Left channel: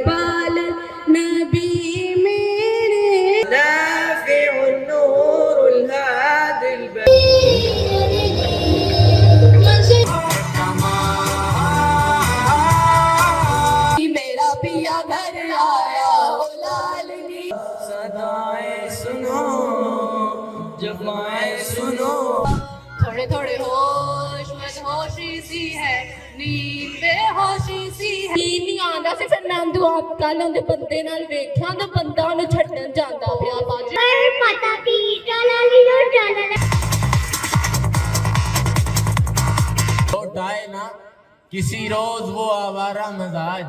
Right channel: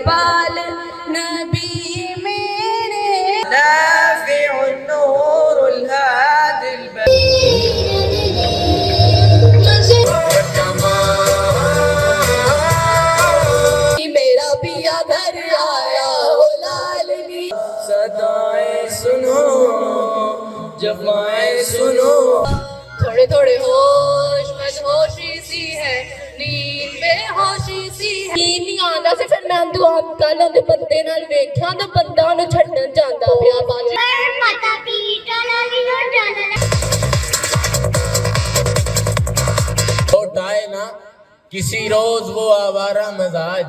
इकबाल नबी मेरे नाफ़िउन नूरुल हादिल मेरा पिया घर आया ओ लालनी सदाएं सुनो जफाएं सुनो थोड़े थोड़े होश होशी सी है नींद बेहोशी सी है नींद नहीं आंदा सी फिर मैं दुआ कल दे बंदे नाल वेखिया ते बंदा नु छड्डन जांदा पिया बाजी माता पीटा नाली नो जाना लौट आए ना किसी रोज वो आवारा मजाज